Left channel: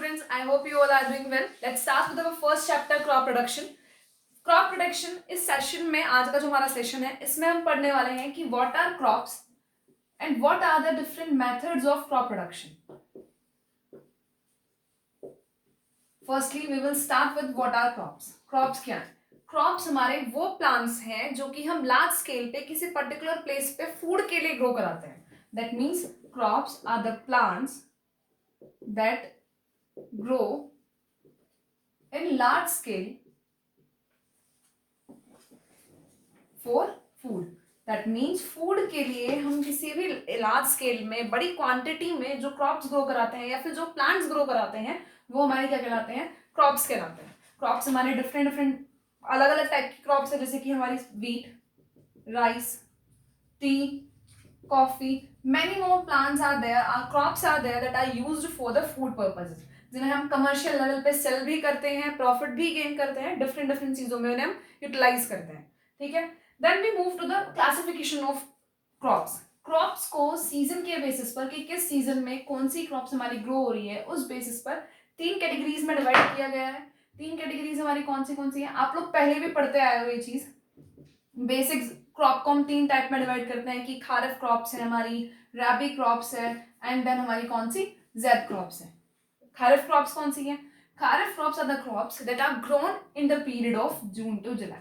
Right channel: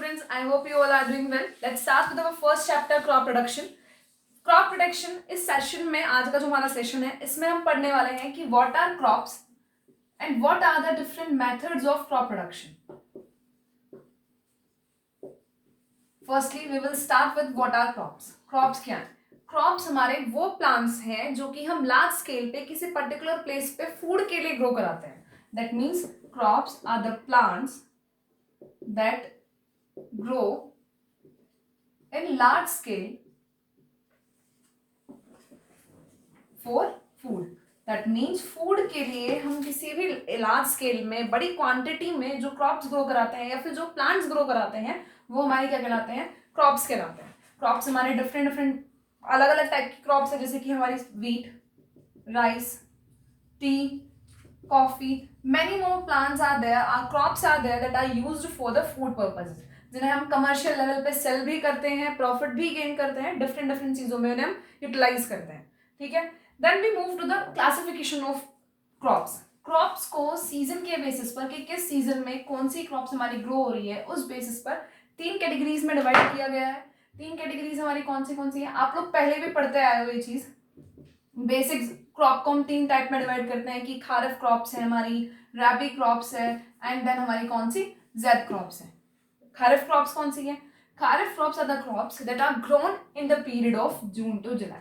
students, I hope you all are doing well. Let's start with our first chapter, crop production. Crop production इस session में, आज का जो हमारा session है, इसमें हम पढ़ने वाले हैं कि what are crops and what are the different methods of crop production. Firstly we will start with what are crops. Crops क्या है? क्रॉप्स हमारे वो प्लांट्स हैं जो कि हम लार्ज स्केल पे किसी पर्टिकुलर प्लेस पे फूड के लिए ग्रो कराते हैं. That means crops are the plants that grow in large scale for food. That means food के लिए हम किसी भी large scale में बड़ी quantity में जो crops grow कराते हैं या फिर जो plants grow कराते हैं वो हमारे क्या कहलाते हैं? Crops कहलाते हैं. Crops हमारे different अलग अलग टाइप की crops है, जैसे कि हमारी wheat, rice, tea, coffee. Many more plants are there, crops are there that are used for the food purposes, जिन्हें हम कमर्शियल लेवल पे सेल भी करते हैं, प्रॉफिट भी गेन करते हैं, डिफरेंट चीजों में उन्हें हम यूटिलाइज करते हैं. ठीक है. Then we move to the classification of crops. Crops को सीजन के बेसिस पर कि किस सीजन में कौन सी क्रॉप्स हमारी ग्रो हो रही है, उस बेसिस पर 3 कैटेगरीज में डिवाइड किया गया है. 3 कैटेगरीज हमारी कौन सी है? आप लोग पहले भी पढ़ते आए हो ये चीज. बेसिक क्रॉप को हम 3 टाइप में डिवाइड करते हैं कि खारिफ क्रॉप्स है हमारी, रैबी क्रॉप्स है, एंड देन हमारी कौन सी? ज़ैद क्रॉप्स है. खारिफ क्रॉप्स कौन सी है? Kharif crops are the crops that are grown in the period of June to July.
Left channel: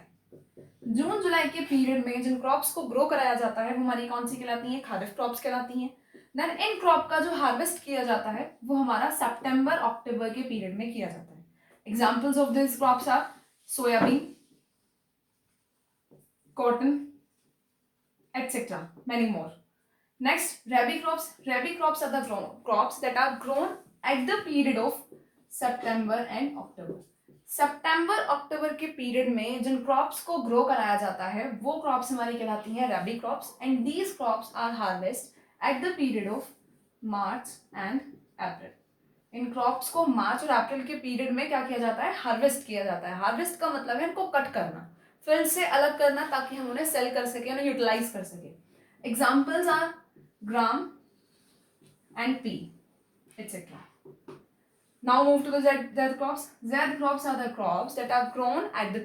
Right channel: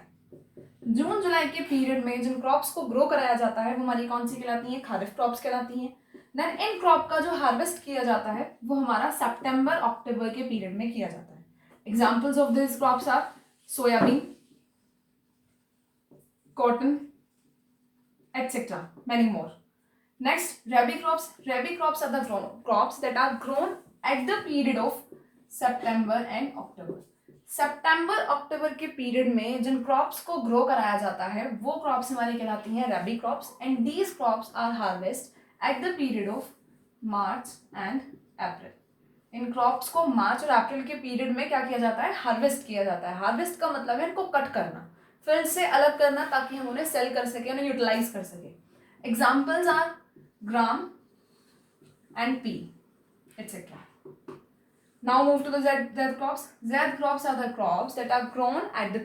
जून जुलाई के पीरियड में जिन क्रॉप्स को ग्रो कराया जाता है वो हमारी कौन सी कहलाती है? खारिफ क्रॉप्स कहलाती हैं. देन इन क्रॉप का जो हार्वेस्ट किया जाता है वो हमारा सितंबर अक्टूबर के पीरियड में किया जाता है. Examples of this crops are soybean, cotton, etc. Many more. Next, rabi crops. Rabi crops are the crops that are grown at the period of September and October. सितंबर अक्टूबर के पीरियड में जिन क्रॉप्स को grow कराया जाता है वो crops हमारी कहलाती हैं rabi crops, and these crops are harvest at the period of March and April. इन क्रॉप्स को मार्च और अप्रैल के पीरियड में क्या किया जाता है? हार्वेस्ट किया जाता है. हार्वेस्ट का मतलब है इनको कट करना, फील्ड से अलग करना, ताकि हम उन्हें सेल कर सके, उन्हें यूटिलाइज कर सके. Examples are gram and pea, etc. Now move to the Z crops. Z crops are the crops that are grown at the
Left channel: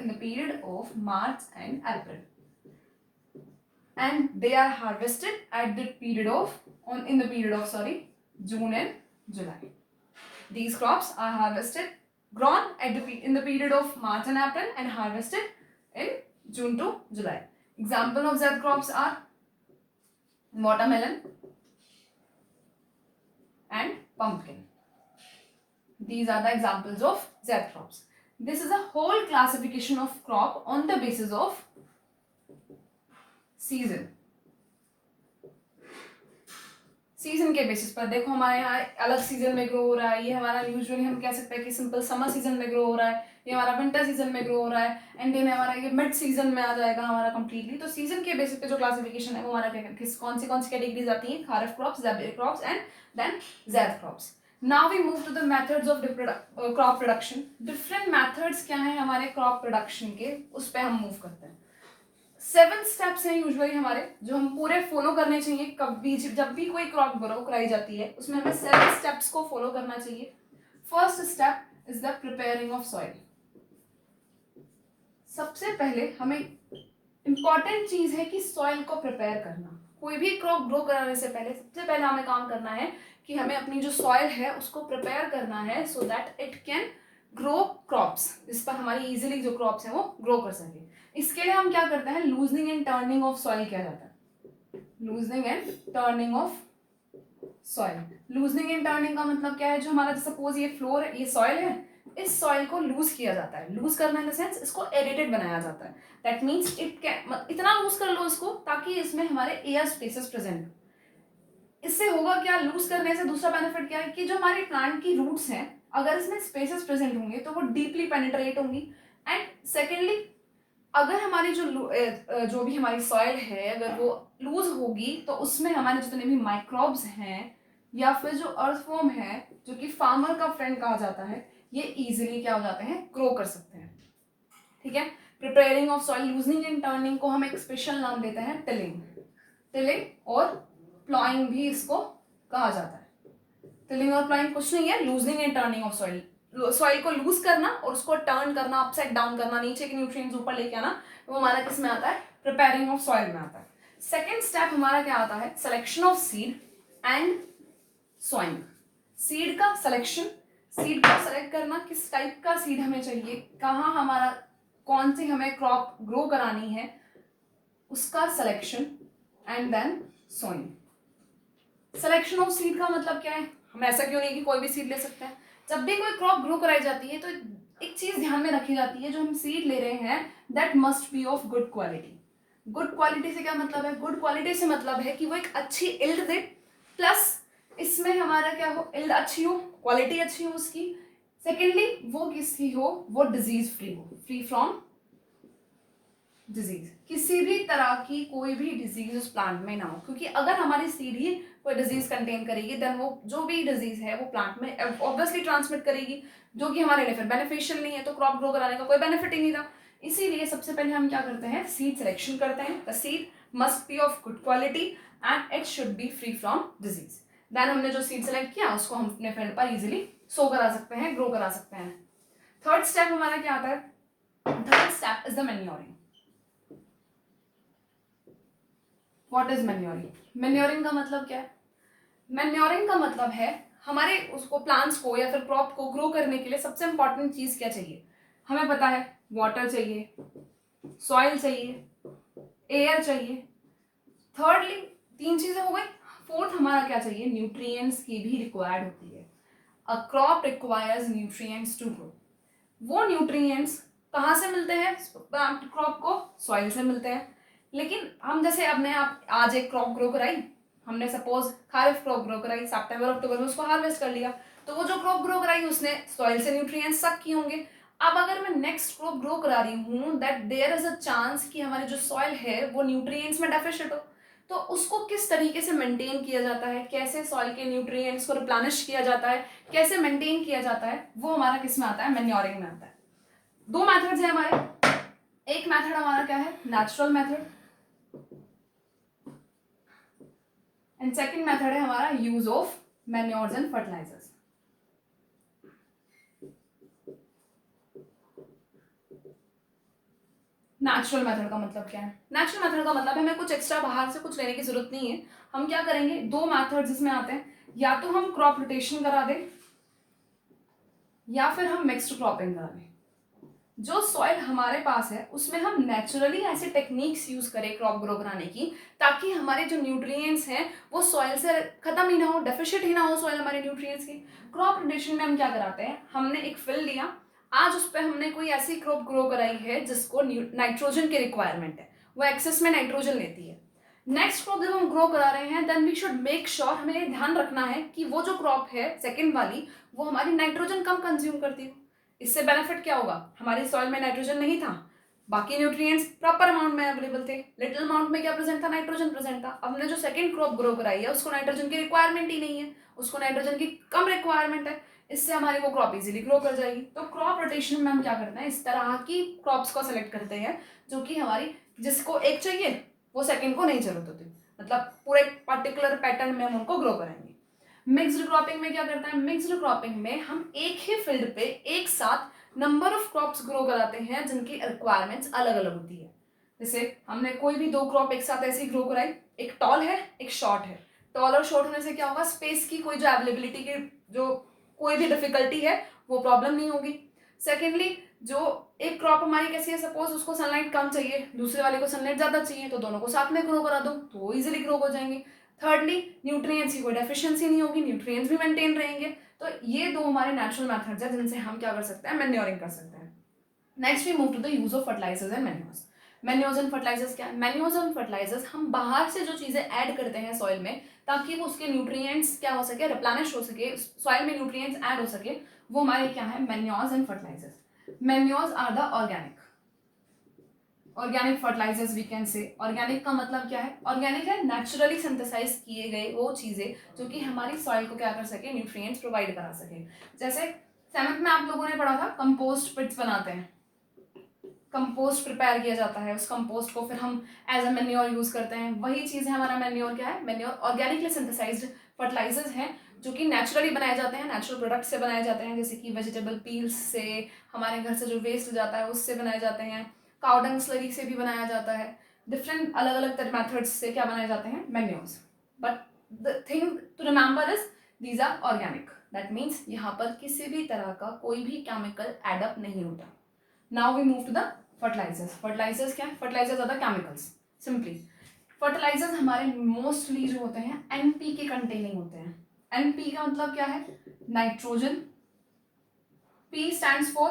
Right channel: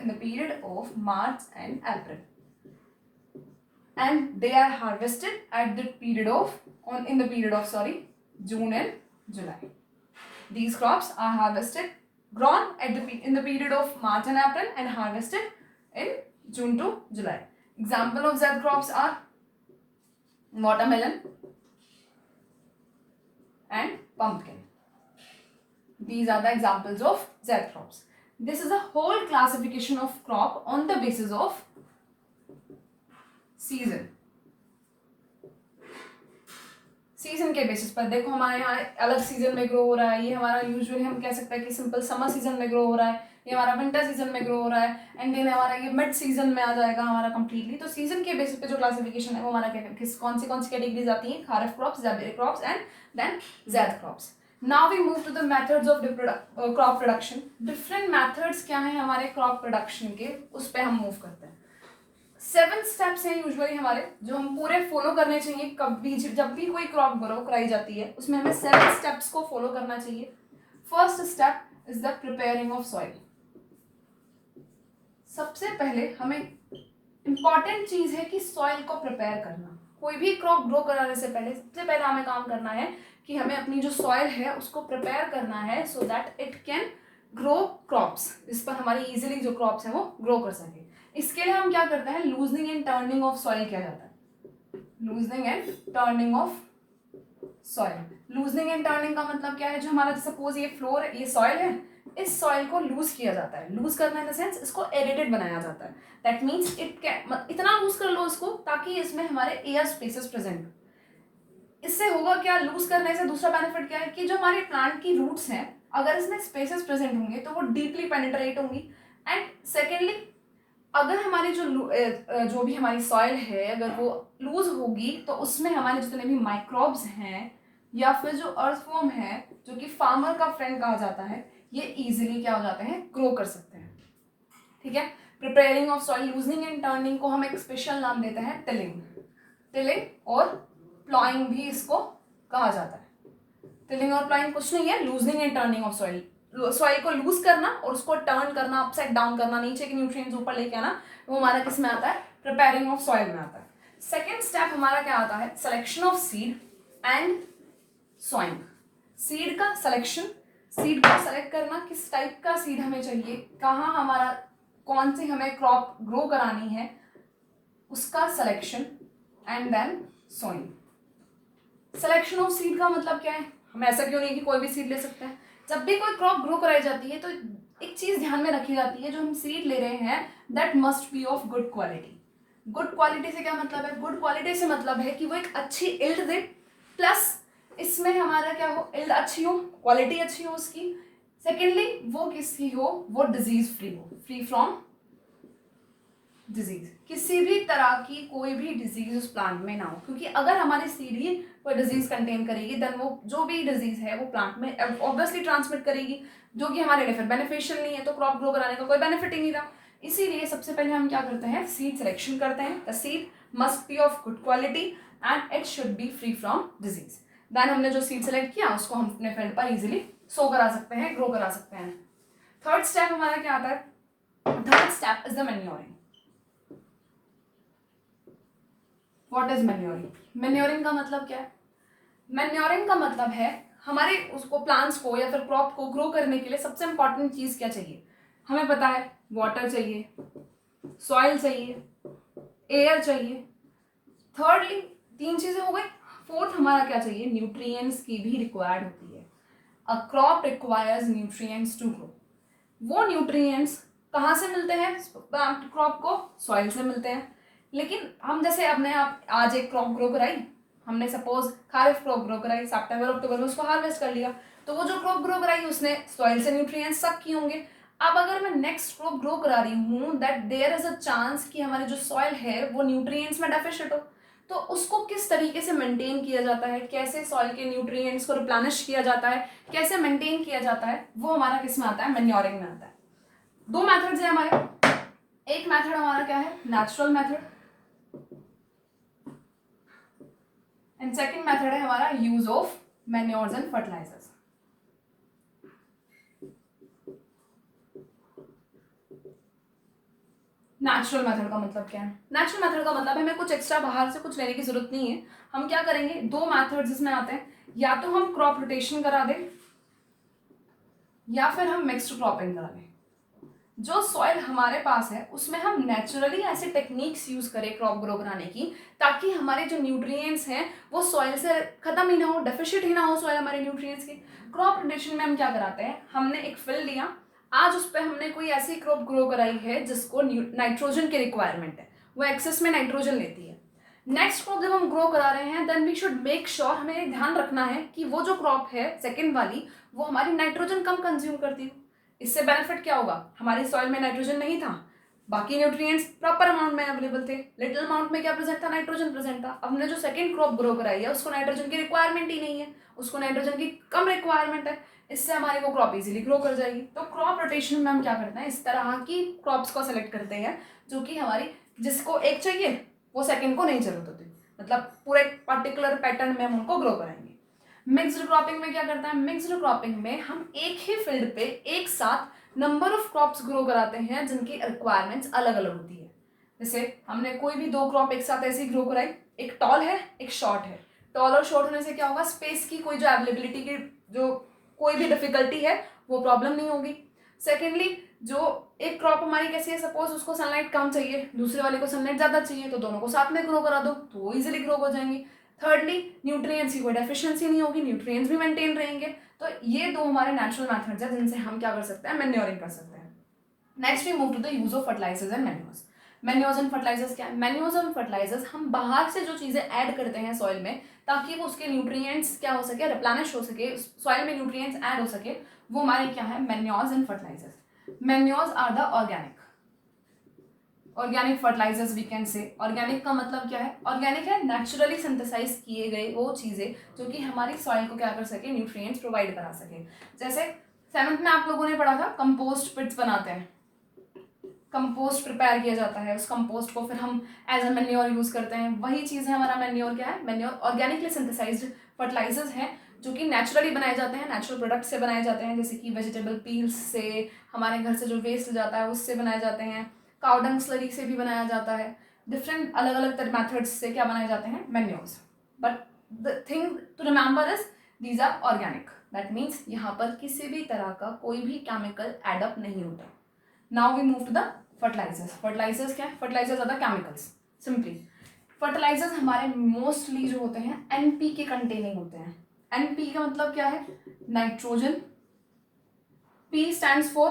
in the period of March and April, and they are harvested at the period of June and July. These crops are harvested, grown in the period of March and April, and harvested in June to July. Example of Z crops are watermelon and pumpkin. These are the examples of Z crops. This is a whole classification of crop on the basis of season. Season के basis पर देखो हमारे यहाँ अलग season में grow हो रहा है. ये हमारा यूजुअली हम कह सकते हैं कि सिंपल समर सीजन में ग्रो हो रहा है, ये हमारा विंटर सीजन में ग्रो हो रहा है, एंड देन हमारा ये मिड सीजन में आ जाएगा हमारा कंप्लीटली. तो सीजन के बेसिस पे जो क्लासिफिकेशन है वो हमारा कौन सी कैटेगरीज आती हैं? Kharif crops, rabi crops, and then zaid crops. Now we move to the methods of crop production. Different methods क्या हैं हमारे क्रॉप प्रोडक्शन के, उस पर हम मूव करते हैं. 7 स्टेप्स हैं यूजुअली हमारे जो हम पूरे फॉलो करने चाहिए. कभी जब भी कोई क्रॉप ग्रो कराई जाती है उसमें हमें 7 स्टेप्स को फॉलो करना चाहिए. First step is the preparing of soil. सबसे पहले हमें इंपॉर्टेंट चीज है कि सॉइल को प्रिपेयर करना. कोई भी क्रॉप ग्रो कराने से पहले सबसे पहले हमें काम करना है कि हमें अपनी जो सॉइल है उसको प्रिपेयर करना है, सो that it can grow crops, जिस पर हमारी इजीली जो क्रॉप्स हैं वो ग्रो कर सके. इसके लिए हम क्या करते हैं? Loosening and turning of soil किया जाता है. Loosening and turning of soil. Loosening and turning का मतलब क्या है? जो हमारा सपोज ये फ्लोर है, ये सॉइल है, इस सॉइल को लूज किया जाता है. लूज करना इन द सेंस इसको एरेटेड बनाया जाता है. दैट मीन्स इतना लूज कर लो इसको ताकि इसमें हमारे एयर स्पेसेस प्रेजेंट. इससे होगा क्या? लूज करने से दूसरा बेनिफिट क्या है कि जो हमारे प्लांट की रूट्स हैं अगर इसमें स्पेसेस प्रेजेंट होंगे तो वो डीपली पेनिट्रेट होंगी. एंड सेकेंडली अगर हमारी जो भी हमारी सॉइल है अगर वो लूज होगी तो उसमें हमारे जितने भी माइक्रोब्स हैं या फिर जो अर्थवॉर्म है जो कि फार्मर का फ्रेंड कहा जाता है, ये इजीली क्या हो जाते हैं? ग्रो कर सकते हैं. ठीक है. Preparing of soil, loosening and turning को हम एक स्पेशल नाम देते हैं टिलिंग. टिलिंग और प्लॉइंग भी इसको कहा जाता है. टिलिंग और प्लाइंग कुछ नहीं है, loosening and turning of soil, soil को लूज करना और उसको टर्न करना, अपसाइड डाउन करना, नीचे के न्यूट्रिएंट्स ऊपर लेके आना, वो हमारा किस में आता है, प्रिपेयरिंग ऑफ सॉइल में आता है। सेकेंड स्टेप हमारा क्या आता है, selection of seed and sawing. Seed का सिलेक्शन, सीड को सेलेक्ट करना, किस टाइप का सीड हमें चाहिए, कहाँ हमारा कौन सी हमें क्रॉप ग्रो करानी है, उसका selection and then sowing. Selection of seed का मतलब क्या है, हम ऐसा क्यों नहीं कि कोई भी सीड ले सकते हैं। जब भी कोई क्रॉप ग्रो कराई जाती है तो एक चीज ध्यान में रखी जाती है, जो हम सीड ले रहे हैं that must be of good quality. Good quality से क्या मतलब है, गुड क्वालिटी से मतलब है कि वो एक अच्छी इल्ड दे, प्लस इसमें हमारा क्या हो, इल्ड अच्छी हो, क्वालिटी अच्छी हो उसकी। सेकेंडली वो किसकी हो, वो डिजीज फ्री हो, फ्री फ्रॉम डिजीज, किसी भी तरह की कोई भी डिजीज उस प्लांट में ना हो, क्योंकि अगर हमारी सीड ही कोई डिजीज कंटेन करेगी देन वो जो भी डिजीज है वो प्लांट में ऑब्वियसली ट्रांसमिट करेगी, जो कि हमारे लिए फिर बेनिफिशियल नहीं है, तो क्रॉप ग्रो कराने का कोई बेनिफिट ही नहीं रहा। इसीलिए सबसे पहले हम क्या करते हैं, सीड सिलेक्शन करते हैं। The seed must be of good quality and it should be free from disease. Then हमने जो सीड सेलेक्ट किया उसको हम अपने फील्ड पर इजीली सो करा सकते हैं, ग्रो करा सकते हैं। थर्ड स्टेप हमारा क्या आता है, third step is the manuring. What is manuring, manuring का मतलब क्या है, मैन्योरिंग का मतलब है हमारे उसको प्लांट्स को या फिर क्रॉप को ग्रो करने के लिए सबसे इंपॉर्टेंट चीज क्या चाहिए, हमें पता है वाटर चाहिए, सॉइल चाहिए, एयर चाहिए। थर्डली 3 चीजें हो गई। फोर्थ हमारा क्या चाहिए, न्यूट्रिएंट्स की भी रिक्वायर्ड होती है। A crop requires nutrients to grow. वो न्यूट्रिएंट्स कहाँ से मिलते हैं क्रॉप को, सॉइल से मिलते हैं। लेकिन हम जैसे अपने आप आज एक क्रॉप ग्रो कराई, हमने सपोज खारिफ क्रॉप ग्रो कराई, सितंबर अक्टूबर में उसको हार्वेस्ट कर लिया, तो वो जो क्रॉप ग्रो कराई उसने सॉइल से न्यूट्रिएंट्स सक किए होंगे। अब अगर मैं नेक्स्ट क्रॉप ग्रो करा रही हूँ that there is a chance कि हमारी जो सॉइल है वो न्यूट्रिएंट्स में डेफिशिएंट हो, तो उसको किस तरीके से मेंटेन किया जाता है, कैसे सॉइल के न्यूट्रिएंट्स को रिप्लेनिश किया जाता है, कैसे मेंटेन किया जाता है, वो हमारा किस में आता है, मैन्योरिंग में आता है। 2 मेथड्स हैं हमारे, एक मेथड हमारा क्या है, natural method, and second method है हमारा use of manures and fertilisers. Natural method का मतलब क्या है, नेचुरल मेथड का मतलब है हमें कुछ एक्स्ट्रा बाहर से कुछ लेने की जरूरत नहीं है। हम क्या करेंगे, 2 मेथड्स इसमें आते हैं, या तो हम क्रॉप रोटेशन करा दें या फिर हम मिक्स्ड क्रॉपिंग करा दें। जो सॉइल हमारे पास है उसमें हम नेचुरली ऐसे टेक्निक्स यूज करें क्रॉप ग्रो कराने की, ताकि हमारे जो न्यूट्रिएंट्स हैं वो सॉइल से खत्म ही ना हो, डेफिशिएंट ही ना हो सॉइल हमारे न्यूट्रिएंट्स की। क्रॉप रोटेशन में हम क्या कराते हैं, हमने एक फील्ड लिया, आज उस पर हमने कोई ऐसी क्रॉप ग्रो कराई है जिसको नाइट्रोजन की रिक्वायरमेंट है, वो एक्सेस में नाइट्रोजन लेती है। नेक्स्ट क्रॉप जब हम ग्रो करा रहे हैं then we should make sure, हमें ध्यान रखना है कि वो जो क्रॉप है सेकेंड वाली वो हमारी नाइट्रोजन कम कंज्यूम करती हो। इससे बेनिफिट क्या होगा, हमारी सॉइल में नाइट्रोजन नहीं था, बाकी न्यूट्रिएंट्स प्रॉपर अमाउंट में अवेलेबल थे, लिटिल अमाउंट में क्या प्रेजेंट था, नाइट्रोजन प्रेजेंट था। अब हमने जो सेकंड क्रॉप ग्रो कराई है उसको नाइट्रोजन की रिक्वायरमेंट ही नहीं है, उसको नाइट्रोजन की कम रिक्वायरमेंट है, इससे हमारी वो क्रॉप इजीली ग्रो कर जाएगी। तो क्रॉप रोटेशन में हम क्या करते हैं, इस तरह की क्रॉप्स को सेलेक्ट करते हैं जो कि हमारी, जिसको एक चाहिए वो सेकंड को नहीं जरूरत होती, मतलब पूरे पर्टिकुलर पैटर्न में हम उनको ग्रो करेंगे। मिक्स्ड क्रॉपिंग में क्या करता है, मिक्स्ड क्रॉपिंग में हम एक ही फील्ड पे एक साथ नंबर ऑफ क्रॉप्स ग्रो कराते हैं जिनकी रिक्वायरमेंट्स अलग अलग होती है। जैसे हमने कोई भी 2 क्रॉप एक साथ ऐसे ही ग्रो कराई, एक टॉल है एक शॉर्ट है, टॉल और शॉर्ट होने से क्या होगा, स्पेस की कोई जो अवेलेबिलिटी की जो कोई भी डिफिकल्टी है वो प्रॉब्लम नहीं होगी। सेकेंडली जो एक क्रॉप हमारी कैसी है, सपोज उसको सनलाइट कम चाहिए, दूसरे वाले को सनलाइट ज्यादा चाहिए, तो दोनों को साथ में ग्रो करा दो तो वो इजिली ग्रो हो जाएंगे। थर्डली न्यूट्रिएंट्स की कोई डेफिशिएंसी नहीं होगी, न्यूट्रिएंट्स भी मेंटेन रहेंगे। तो ये 2 हमारे नेचुरल मेथड्स हैं जिनसे हम क्या कर सकते हैं, मैन्योरिंग कर सकते हैं। Next we move to the use of fertilisers and manures. Manures and fertilisers क्या है, मैन्योर्स एंड फर्टिलाइजर्स हम बाहर से जो चीजें ऐड करते हैं सॉइल में ताकि वो उसके न्यूट्रिएंट्स क्या हो सके, रिप्लेनिश हो सके, सॉइल में न्यूट्रिएंट्स ऐड हो सके, वो हमारे क्या है, manures and fertilisers. Manures are the organic fertilisers we can say. Organic का मतलब क्या है, ऑर्गेनिक है नेचुरली सिंथेसाइज किए गए वो चीजें जो कि हमारी सॉइल को क्या कर सके, न्यूट्रिएंट्स प्रोवाइड करा सके। जैसे 7th में आप लोगों ने पढ़ा था कंपोस्ट पिट्स बनाते हैं, कंपोस्ट प्रिपेयर किया जाता है, उस कंपोस्ट को फिर हम एज अ मैन्योर यूज करते हैं, वही चीज है हमारा मैन्योर। क्या है, मैन्योर ऑर्गेनिकली सिंथेसाइज्ड फर्टिलाइजर्स हैं जो कि नेचुरली बनाए जाते हैं, नेचुरल प्रोडक्ट से बनाए जाते हैं, जैसे कि वेजिटेबल पील्स से, हमारे घर से जो वेस्ट जाता है उससे बनाए जाते हैं, काउडंग स्लरी से भी बनाया जाता है, डिफरेंट अलग अलग मेथड्स से क्या बनाए जाते हैं, manures. But the thing to remember is these are organic, that means यहाँ पर किसी भी तरह का कोई भी केमिकल एडअप नहीं होता। Now we move to the fertilisers. Fertilisers क्या है? Fertilisers are the chemicals simply. Fertilisers हमारे मोस्टली जो होते हैं एनपी के कंटेनिंग होते हैं। एनपी का मतलब क्या है? Nitrogen, P stands for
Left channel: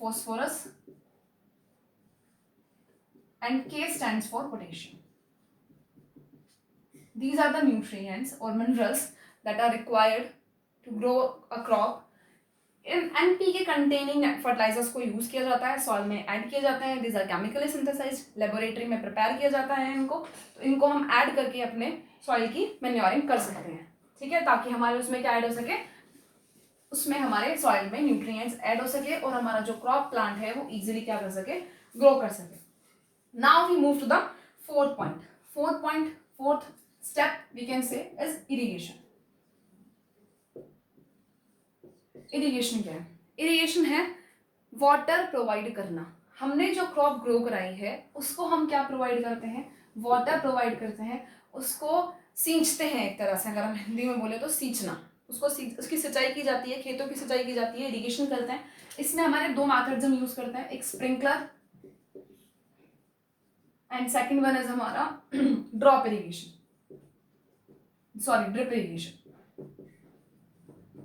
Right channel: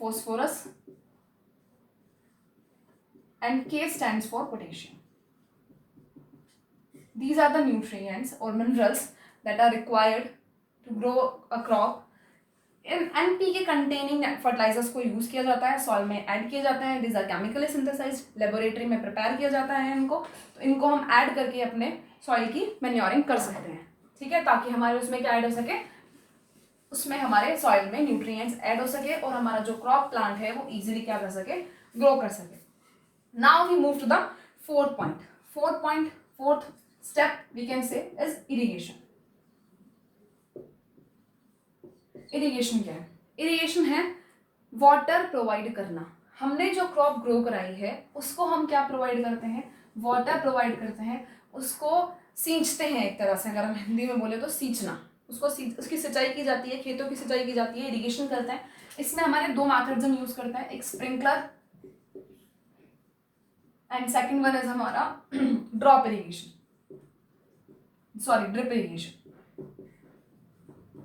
phosphorus and K stands for potassium. These are the nutrients or minerals that are required to grow a crop. In NPK containing fertilizers को यूज किया जाता है, सॉइल में ऐड किए जाते हैं। These are chemically synthesized, laboratory में prepare किया जाता है इनको, तो इनको हम ऐड करके अपने सॉइल की मैन्योरिंग कर सकते हैं, ठीक है, ताकि हमारे उसमें क्या ऐड हो सके, उसमें हमारे सॉइल में न्यूट्रिएंट्स ऐड हो सके और हमारा जो क्रॉप प्लांट है वो इजीली क्या कर सके, ग्रो कर सके। Now we move to the fourth point. Fourth step we can say is irrigation. Irrigation क्या है? इरिगेशन है वाटर प्रोवाइड करना। हमने जो क्रॉप ग्रो कराई है उसको हम क्या प्रोवाइड करते हैं? वाटर प्रोवाइड करते हैं, उसको सींचते हैं एक तरह से, अगर हम हिंदी में बोले तो सींचना। उसकी सिंचाई की जाती है, खेतों की सिंचाई की जाती है, इरिगेशन करते हैं। इसमें हमारे दो मेथड्स हम यूज करते हैं, एक sprinkler and second one is हमारा drop irrigation, sorry drip irrigation.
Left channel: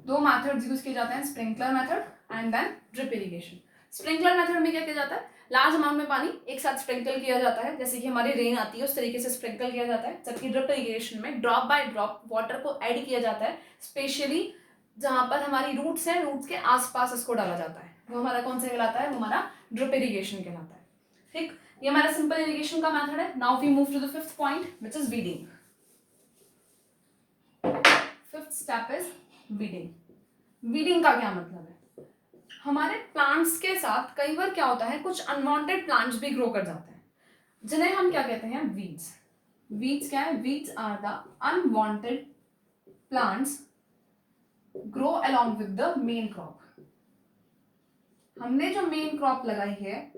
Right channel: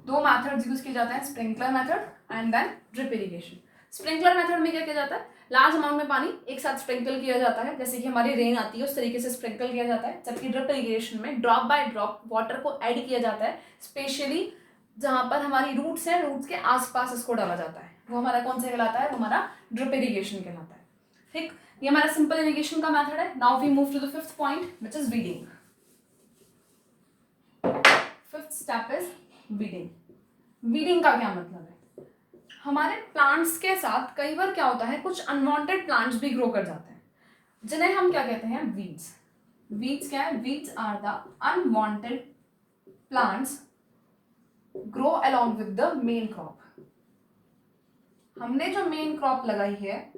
दो मेथड्स यूज किए जाते हैं, sprinkler method and then drip irrigation. Sprinkler method में क्या किया जाता है? लार्ज अमाउंट में पानी एक साथ स्प्रिंकल किया जाता है, जैसे कि हमारी रेन आती है उस तरीके से स्प्रिंकल किया जाता है। जबकि ड्रिप इरिगेशन में ड्रॉप बाय ड्रॉप वाटर को ऐड किया जाता है, स्पेशली जहां पर हमारी रूट्स हैं, रूट्स के आसपास इसको डाला जाता है। वो हमारा कौन सा कहलाता है? वो हमारा ड्रिप इरिगेशन कहलाता है, ठीक। ये हमारा सिंपल इरिगेशन का मेथड है। Now we move to the fifth point which is weeding. Fifth step is weeding. Weeding का क्या मतलब है? हमारे प्लांट्स के साथ कई बार क्या होता है, कुछ अनवांटेड प्लांट्स भी ग्रो कर जाते हैं, जिन्हें हम क्या कहते हैं? वीड्स। वीड्स क्या है? Weeds are the unwanted plants grow along with the main crop. हमने जो मेन क्रॉप लगाई है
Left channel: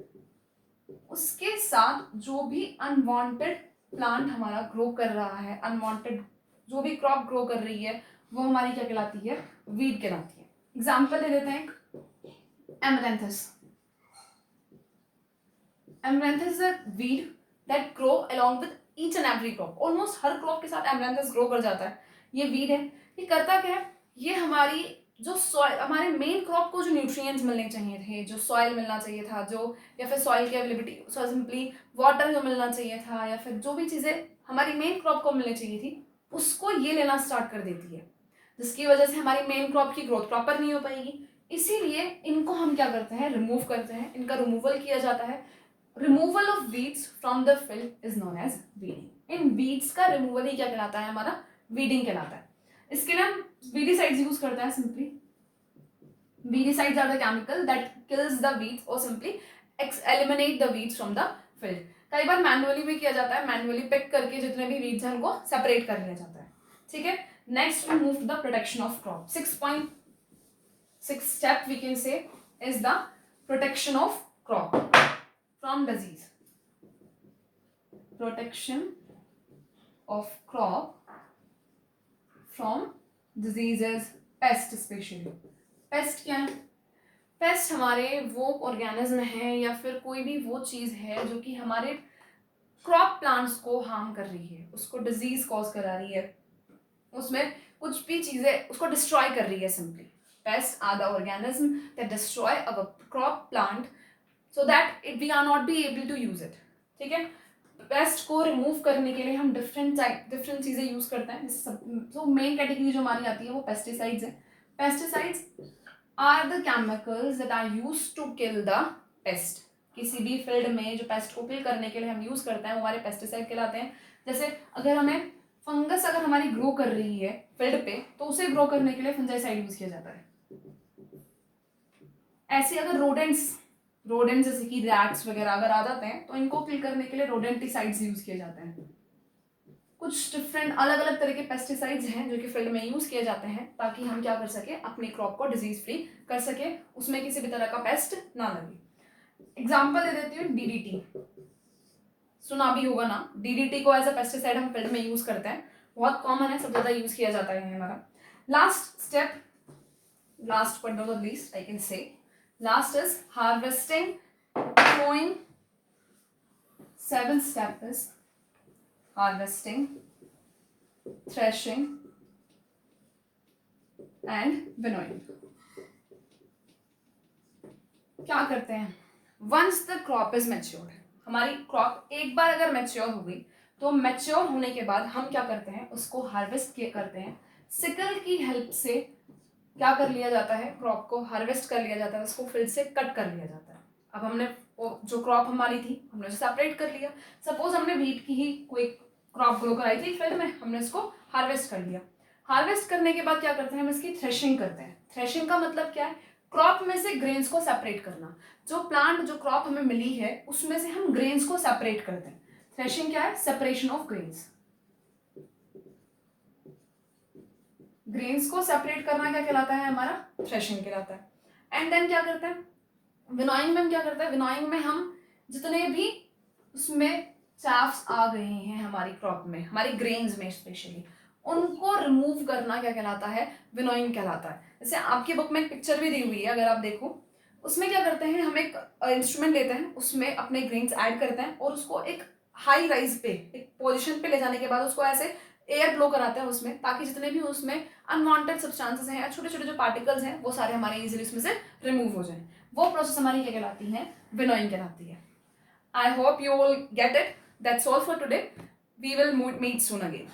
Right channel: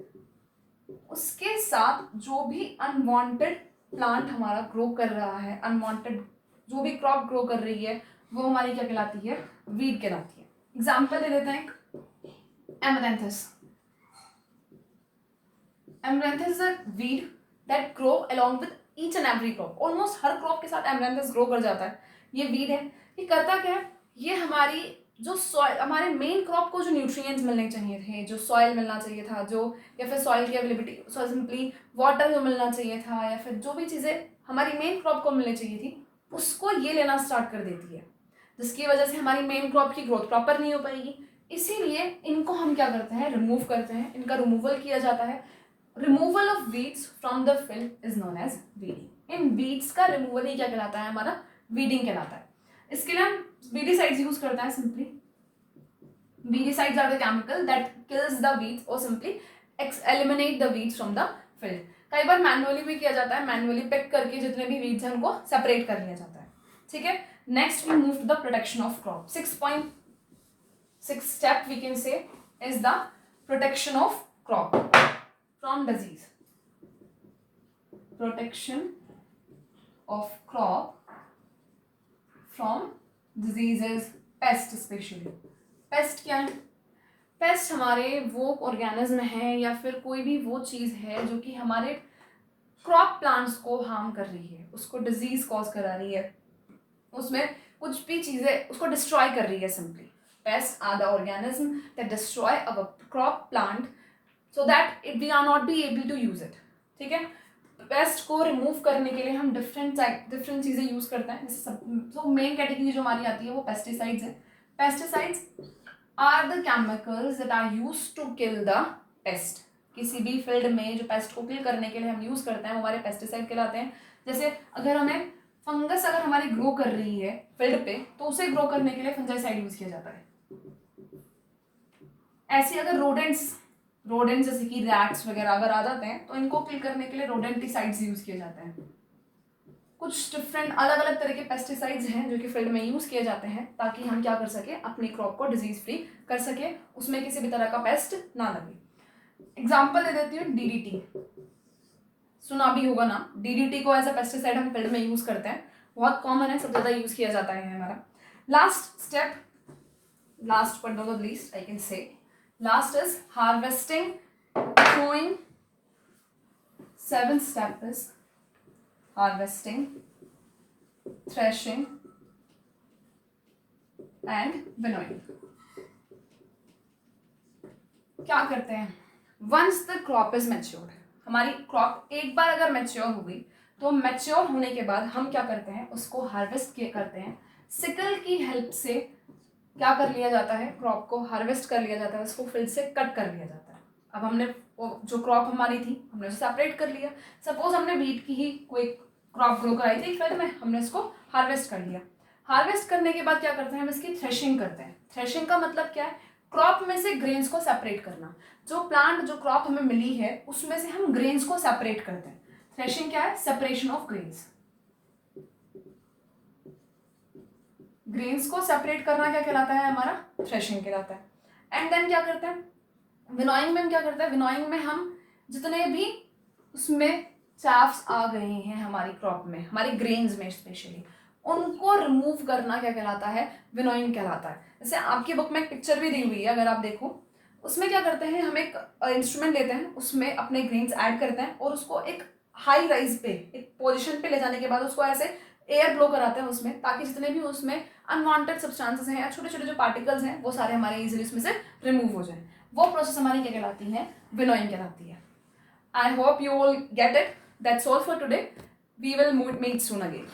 उसके साथ जो भी अनवांटेड प्लांट हमारा ग्रो कर रहा है, अनवांटेड जो भी क्रॉप ग्रो कर रही है, वो हमारी क्या कहलाती है? वीड कहलाती है। एग्जाम्पल दे देते हैं, amaranthus. Amaranthus is a weed that grow along with each and every crop. Almost हर क्रॉप के साथ एमरैंथस ग्रो कर जाता है। ये वीड है, ये करता क्या है? ये हमारी जो सॉइल, हमारे मेन क्रॉप को जो न्यूट्रिएंट्स मिलने चाहिए थे, जो सॉइल मिलना चाहिए था, जो या फिर सॉइल की अवेलेबिलिटी, सिंपली वाटर जो मिलना चाहिए था, या फिर जो भी चीज़ें हमारी मेन क्रॉप को मिलनी चाहिए थी, उसको ये लेना स्टार्ट कर देती है, जिसकी वजह से हमारी मेन क्रॉप की ग्रोथ प्रॉपर नहीं हो पाएगी। इसीलिए इनको हम क्या करते हैं? रिमूव करते हैं, इनका रिमूवल किया जाता है। Removal of weeds from the field is known as weeding. इन वीड्स का रिमूवल ही क्या कहलाता है? हमारा वीडिंग कहलाता है। इसके लिए हम वीडिसाइड्स यूज करते हैं simply. Weedicides are the chemical that kills the weeds और simply eliminate the weeds from the field. कई बार मैनुअली भी किया जाता है, मैनुअली पिक करके जितने भी वीड्स हैं उनको सेपरेट कर लिया जाता है, ठीक है। Next we move to the protection of crop. 6.6 step we can say is the protection of crop from disease. Protection of crop from diseases, pest especially. Paste क्या है? पेस्ट हमारे वो ऑर्गेनिज्म है या फिर कोई भी वो चीज़ है जो कि हमारे क्रॉप प्लांट्स को हार्म कर रही है, उसको डिजीज कॉज करा रही है, उसमें कुछ भी चीज़ें उसको डिस्ट्रॉय कर रही है। Simply pest are the organism that destroy our crop plant so that it we are not be able to use it, ठीक है। पेस्ट को रिमूव करने के लिए हम डिफरेंट चीज़ें यूज़ करते हैं। तो मेन कैटेगरी जो हमारी आती है वो पेस्टिसाइड्स है। Pesticides are the chemicals that are used to kill the pest. किसी भी फील्ड में जो पेस्ट को किल करने के लिए हम यूज़ करते हैं वो हमारे पेस्टिसाइड कहलाते हैं। जैसे अगर हमें फंगस अगर हमारी ग्रो कर रही है फील्ड पे, तो उसे ग्रो करने के लिए फंजाइसाइड यूज़ किया जाता है। ऐसे अगर रोडेंट्स जैसे कि रैट्स वगैरह अगर आ जाते हैं तो इनको किल करने के लिए रोडेंटिसाइड्स यूज किए जाते हैं। कुछ डिफरेंट अलग अलग तरह के पेस्टिसाइड्स हैं जो कि फील्ड में यूज़ किए जाते हैं ताकि हम क्या कर सके, अपनी क्रॉप को डिजीज फ्री कर सके, उसमें किसी भी तरह का पेस्ट ना लगे। एग्जाम्पल दे देती हूँ, डीडीटी सुना भी होगा ना, डीडीटी को एज अ पेस्टिसाइड हम फील्ड में यूज करते हैं, बहुत कॉमन है, सब ज्यादा यूज किया जाता है हमारा। Last step, last but not the least I can say, last is harvesting, sowing. Seventh step is harvesting, threshing and winnowing. क्या करते हैं, once the crop is matured, हमारी क्रॉप एक बार अगर मैच्योर हो गई तो मैच्योर होने के बाद हम क्या करते हैं, उसको हार्वेस्ट करते हैं। सिकल की हेल्प से क्या कर लिया जाता है, क्रॉप को हार्वेस्ट कर लिया जाता है, उसको फील्ड से कट कर लिया जाता है। अब हमने जो क्रॉप हमारी थी हमने उसे सेपरेट कर लिया। सपोज हमने वीट की ही कोई क्रॉप ग्रो कराई थी फील्ड में, हमने इसको हार्वेस्ट कर लिया। हार्वेस्ट करने के बाद क्या करते हैं, हम इसकी थ्रेशिंग करते हैं। थ्रेशिंग का मतलब क्या है, क्रॉप में से ग्रेन्स को सेपरेट करना। जो प्लांट जो क्रॉप हमें मिली है उसमें से हम ग्रेन्स को सेपरेट करते हैं। थ्रेशिंग क्या है, सेपरेशन ऑफ ग्रेन्स। ग्रेन्स को सेपरेट करना क्या कहलाता है, हमारा थ्रेशिंग कहलाता है। एंड देन क्या करता है, विनोइंग में क्या करता है, विनोइंग में हम जितने भी उसमें चाफ्स आ गए हैं हमारी क्रॉप में, हमारी ग्रेन्स में स्पेशली, उनको रिमूव करना क्या कहलाता है, विनोइंग कहलाता है। जैसे आपकी बुक में एक पिक्चर भी दी हुई है, अगर आप देखो उसमें क्या करते हैं, हम एक इंस्ट्रूमेंट लेते हैं, उसमें अपने ग्रेन्स ऐड करते हैं और उसको एक हाई राइज पे, एक पोजिशन पे ले जाने के बाद उसको ऐसे एयर ब्लो कराते हैं उसमें, ताकि जितने भी उसमें अनवांटेड सब्सटेंसेस हैं या छोटे छोटे जो पार्टिकल्स हैं वो सारे हमारे इजीली उसमें से रिमूव हो जाए। वो प्रोसेस हमारी क्या कहलाती है, विनोइंग कहलाती है। I hope you will get it. That's all for today. We will meet soon again.